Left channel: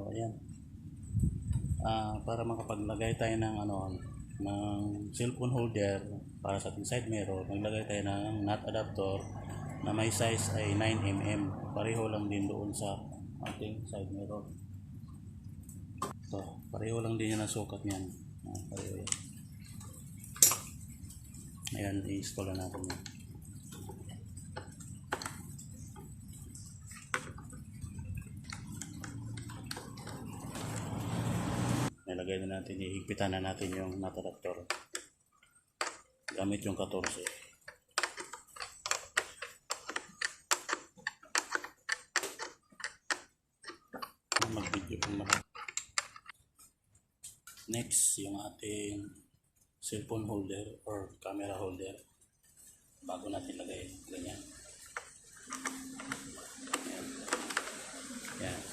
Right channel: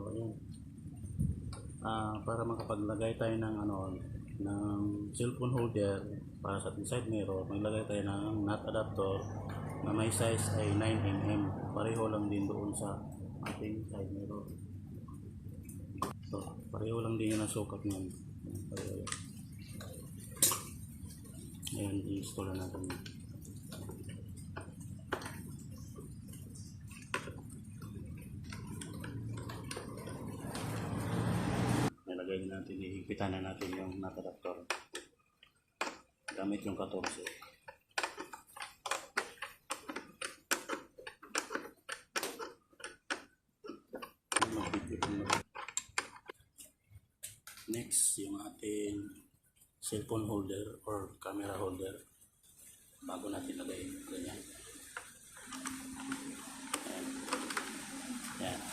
So ayan. Para makapaglagay tayo ng ng cellphone holder para sa ating side mirror, maglagay tayo ng nut adapter na may size ay 9mm. Pareho lang din doon sa ating side mirror. So, pareho lang din yun ang sukat niyan. Pareho yan. Ayan, i-install na natin yan. Nilagay na natin, ihigpitan na natin yung nut adapter gamit yung 14. Next, yung ating cellphone holder or camera holder. Bago natin lagay, ganyan. Ayan. Ayan.